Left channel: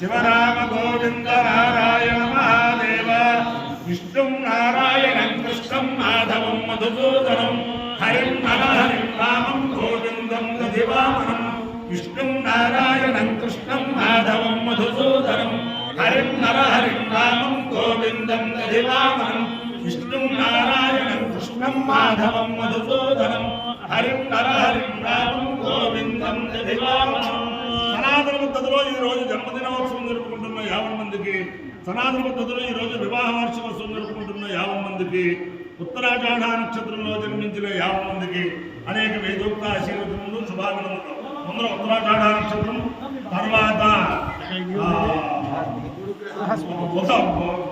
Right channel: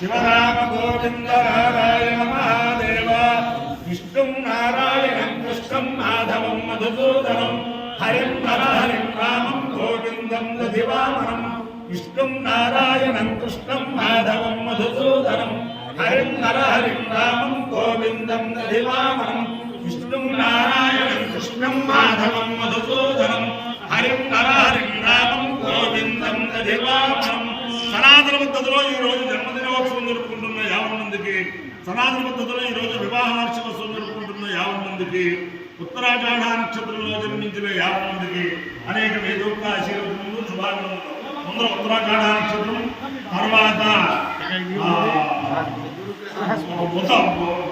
శివరామ గోవింద నారాయణ మహాదేవ విష్ణుం నారాయణం కృష్ణం మాధవం మధుసూదనం హరిం హరిం రామం గోవిందం దధివామనం విష్ణుం నారాయణం కృష్ణం మాధవం మధుసూదనం హరిం హరిం రామం గోవిందం దధివామనం విష్ణుం నారాయణం కృష్ణం మాధవం మధుసూదనం హరిం హరిం రామం గోవిందం దధివామనం. సనాతన పద్ధతిలో ఈరోజు జన్మదినోత్సవం జరుపుకుంటున్న 50 మందికి, సనాతన పద్ధతిలో ఈరోజు వివాహ వార్షికోత్సవం జరుపుకుంటున్న 50 మందికి, ఉత్తరాషాఢ నక్షత్రంలో జన్మించిన 50 మందికి అనేక వేదోక్త ఆశీర్వదనలు శుభాకాంక్షలు. ముందర ఉత్తరాషాఢ నక్షత్రం, తర్వాత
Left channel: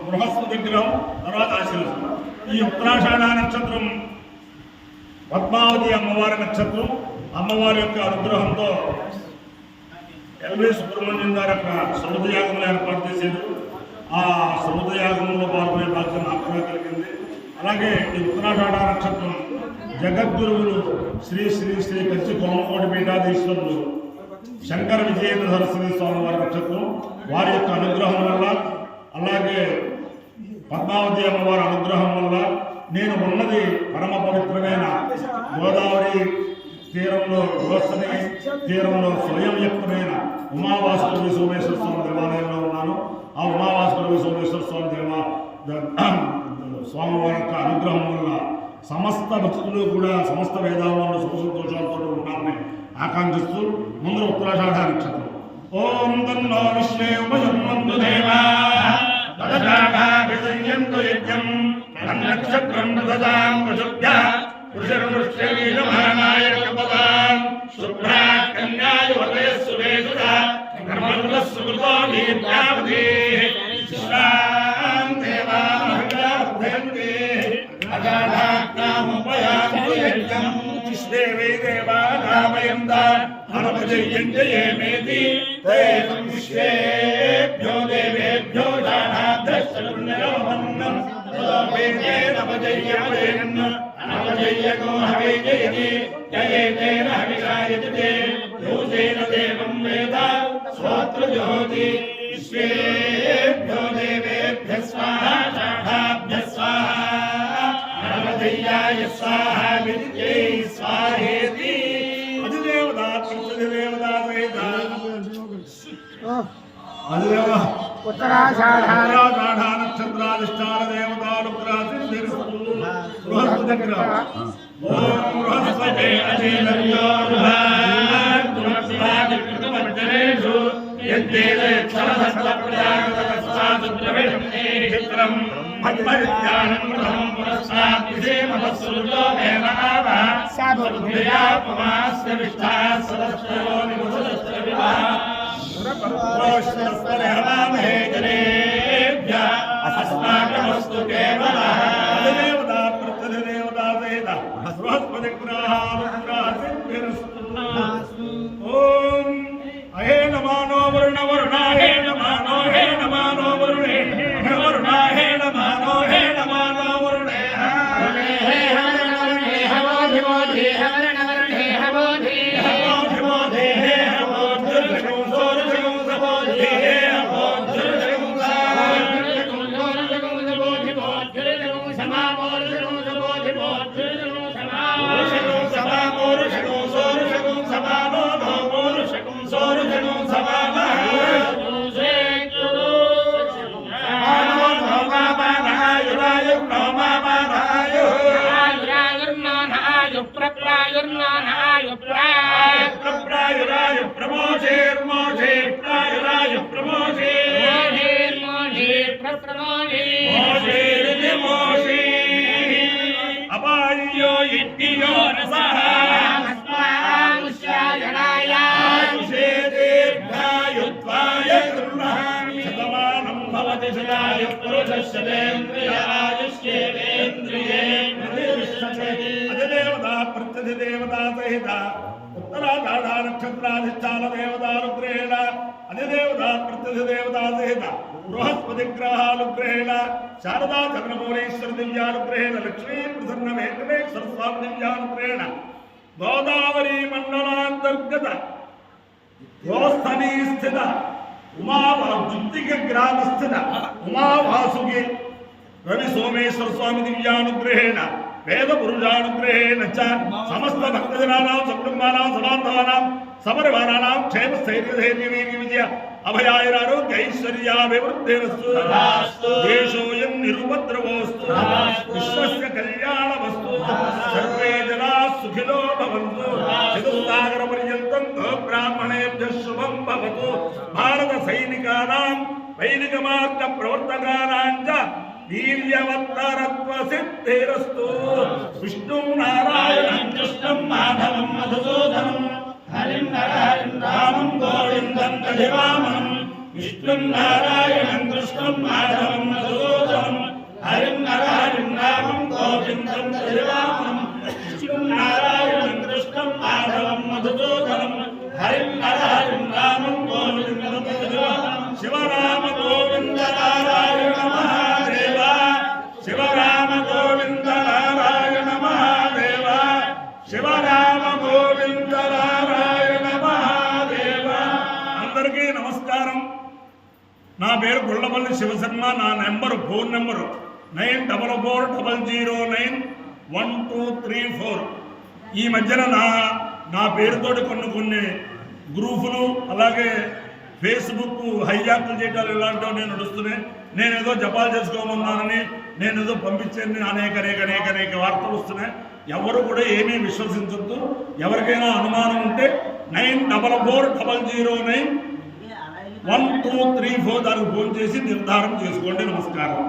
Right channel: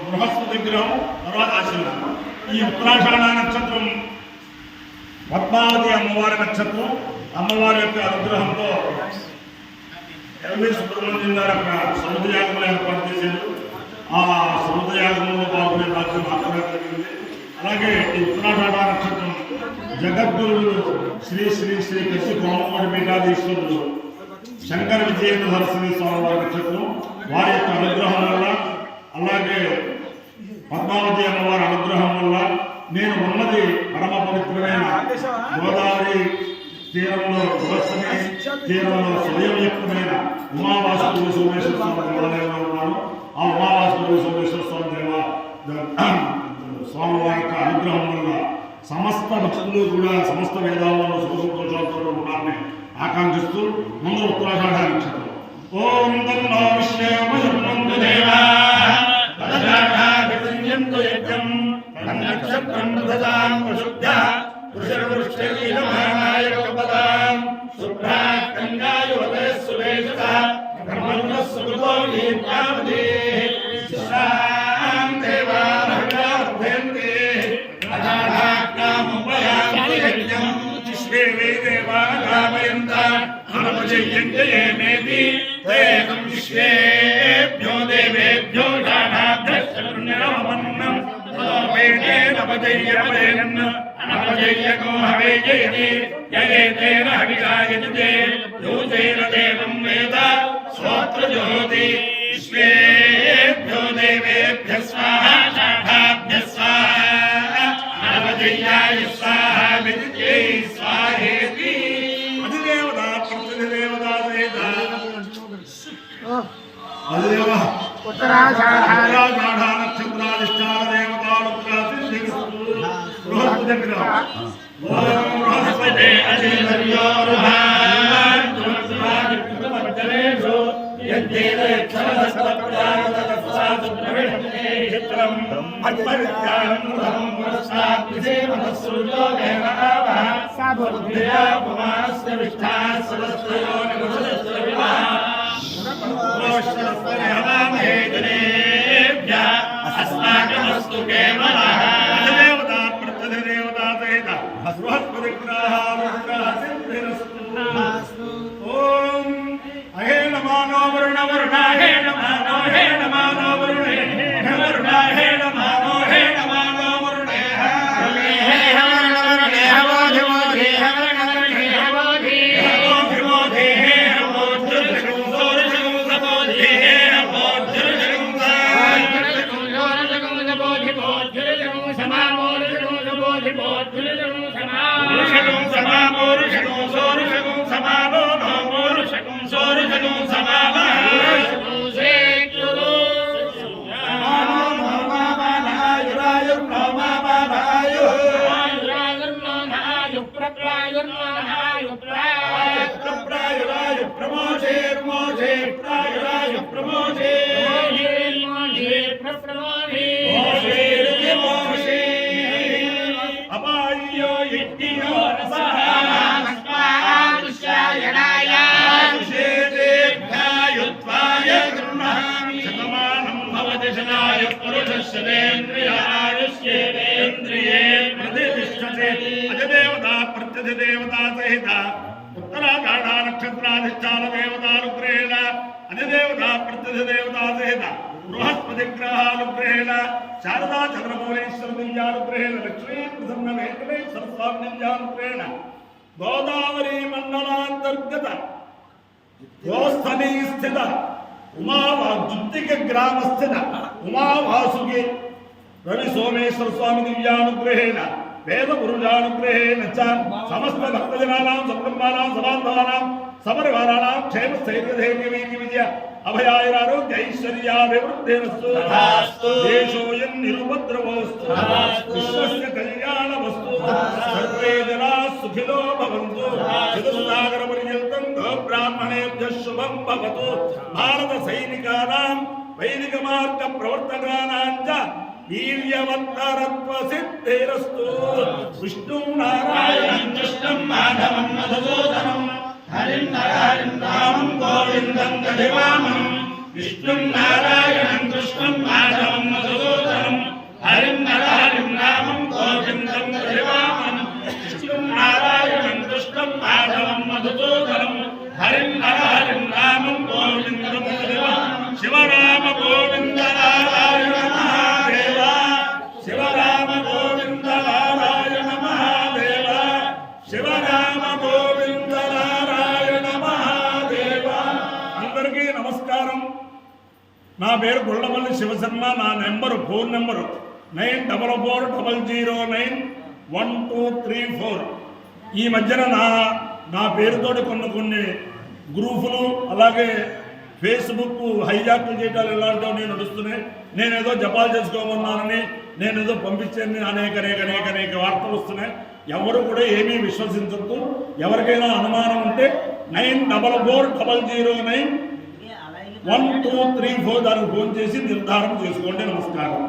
బృహస్పతి గ్రహం, తర్వాత ఆశీర్వదనం. ఈ ఉత్తరాషాఢ నక్షత్రం పద్మావతి అమ్మవారి నక్షత్రం. అమ్మవారి యొక్క అనుగ్రహంతో ఎల్వి సుబ్రహ్మణ్యం గారు అక్కడ సముద్రయాగంలో ఏర్పాటు చేశారు. ఆ సముద్రయాగంలో పాల్గొనే బాధ్యత నాకు కలిగింది. అలాగే ఈ ఉత్తరాషాఢ నక్షత్రం జగద్గురువులు శ్రీ శ్రీ శ్రీ కచ్చి కోమకోటి పీఠాధీశ్వరులు శంకర విజయేంద్ర సరస్వతి స్వామి వారి నక్షత్రం. వారి యొక్క అనుగ్రహం వల్ల, అలాగే పద్మావతి అమ్మవారి అనుగ్రహం వల్ల నేను ఉన్నది పరమ పవిత్రమైన గోదావరి తీరంలో, గోస్తని తీరంలో స్వయం వ్యక్తమైన ఉమావాసుదేవి సోమేశ్వర స్వామి దేవాలయంలో ఉన్నాను. ఆ ఉమావాసుదేవి సోమేశ్వర స్వామి స్వామి వారి యొక్క అనుగ్రహం వల్ల సమస్త భక్తులు కూడా సమస్త వేదాలలో సుఖ సంతోషాలతో ఉన్నారని ఆకాంక్షిస్తూ ముందు ఉత్తరాషాఢ నక్షత్రం. ఓం తన్నో విష్ణు దేవాః తదశాఢాభిసంయంతు యజ్ఞం తన్నక్షత్రం దదాం వశుభ్యః పురుషవృష్ఠైర్యమానాయ కపదాం శుభ్రాత్ కన్యాయువతయస్సు వేషతః కర్మణః సుకృతో దీర్ఘావధి శిష్టాం దేవాః అజాఢాజ్ఞాముపయామి విశ్వేవే దేవా రామయంత అనుపజయంతయేమేతి తేతం విశ్వేభ్యో దేవేభ్యో జాఢాభ్యశ్చర్నిరమన్నం తదోపేతేనపజయ్యపజయన్ అనపజయ్యకో హవే జయతి జయేతేన హవిషాయజతే యోజేన దేవం వేద శ్రోత్రజోతి విశ్వేభ్యో దేవేభ్యః స్వాహా జాఢాభ్యః స్వాహా అనపజయ్యాయ స్వాహా విద్యై స్వాహేతి. అధిదేవత ప్రతిదేవత అధిదేవ ఉత్తరాషాఢ నక్షత్రాధిష్టాన దేవతాలు బృహస్పతి గ్రహం. ఓం బృహస్పతే అధిలర్యోరుహార్జునస్వామికృతమర్జనేషు యద్దేదక్షరసప్తప్రాగతస్సాసుద్రవిణం భక్తివిజ్ఞానం కృతం పురస్సాద్విధేమతస్సురుజో దేవాః సాధుబుద్ధ్యా పుమాస్య విష్టాః సదస్తో నివసదస్రవివాః పురోష్ణస్తరహవామహే జనేభ్యః అస్మాకమస్తు కేవలః. అధిదేవతా ప్రత్యధిదేవతా సహిత బృహస్పతి గ్రహానుగ్రహసిద్ధిరస్తు. ఓం అహే నమానో వరుణాహే నమానో హే నమానో వరుణే వరుణాహే నమానో హే నమానో వరుణే హే వరుణే హవోధి వోధి హవరణే హవోధి హవోధి వోధి హే హవోధి సోరజగం సబోధి హే హవోధి సోరజగం సబోధి బోధి సమామోరజగం సబోధి బోధి సమామోరజగం సమామోరజగం సోరజగం సమామో మోరజగం సోరజగం సమామో అపాయో యజ్ఞో రసః శతమానం భవతి శతాయ పురుషస్యేంద్రియాయుష్యేంద్రియే ప్రతిష్టతే. అధిదేవతా ప్రత్యధిదేవతా సహిత ఉత్తరాషాఢ నక్షత్రాధిష్టాన దేవతానుగ్రహేణ అధిదేవతా ప్రత్యధిదేవతా సహిత బృహస్పతి గ్రహానుగ్రహేణ శారదా చంద్రమౌళీశ్వర దివ్యానుగ్రహేణ లక్ష్మీ ప్రసన్న వెంకటేశ్వర స్వామి దివ్యానుగ్రహేణ గోదావరి మండలాంతర్గత గోస్థనీ స్థిత जुत्तिक ग्रामस्थित उमावासुके रवि सोमेश्वर स्वामी दिव्यानुग्रहेण वेद पुरुषानुग्रहेण च समस्त भक्तजनानां सकुटुम्बानां सबान्धवानां सपरिवाराणां क्षेम स्थैर्य धैर्य वीर्य विजय अभयायुरारोग्य ऐश्वर्याभिवृद्धिरस्तु देशोऽयं निरुपद्रवोऽस्तु विश्वस्य कल्याणमस्तु सर्वे जनाः सुखिनो भवन्तु चतुस्सागरपर्यन्तं गोब्राह्मणेभ्यः शुभं भवतु भारत सैनिकानां वैदिक मार्ग प्रवर्तकानां च वीर्यवत्तरत्व सिद्धिरस्तु विष्णुं नारायणं कृष्णं माधवं मधुसूदनं हरिं नरहरिं रामं गोविन्दं दधिवामनं विष्णुं नारायणं कृष्णं माधवं मधुसूदनं हरिं नरहरिं रामं गोविन्दं दधिवामनं विष्णुं नारायणं कृष्णं माधवं मधुसूदनं हरिं नरहरिं रामं गोविन्दं दधिवामनं शिवराम गोविन्द नारायण महादेव शिवराम गोविन्द नारायण महादेव शिवराम गोविन्द नारायण महादेव अंदरिकी नमस्कारं ना पेरु गुल्लपल्ली शिवशर्म ना फोन नंबर 9440091234 ఈ మధ్యన నా పేరుతోటి కొన్ని గ్రూపులు అలాగే ఫేస్బుక్ హైజాక్లు చేయడాలు ఇలాంటివి నేను నడుస్తున్నాయి. నేనేదో జపాలు చేసుకోమన్నానని నేనేదో పంపించానని అనేక వార్తలు వస్తున్నాయి. ఎవరు కూడా ఏమీ విశ్వసించద్దు. ఎవరికైనా అనుమానం ఉంటే 9440091234 దానికి ఫోన్ చేసి నిర్ధారణ చేసుకోండి. నమస్కారం.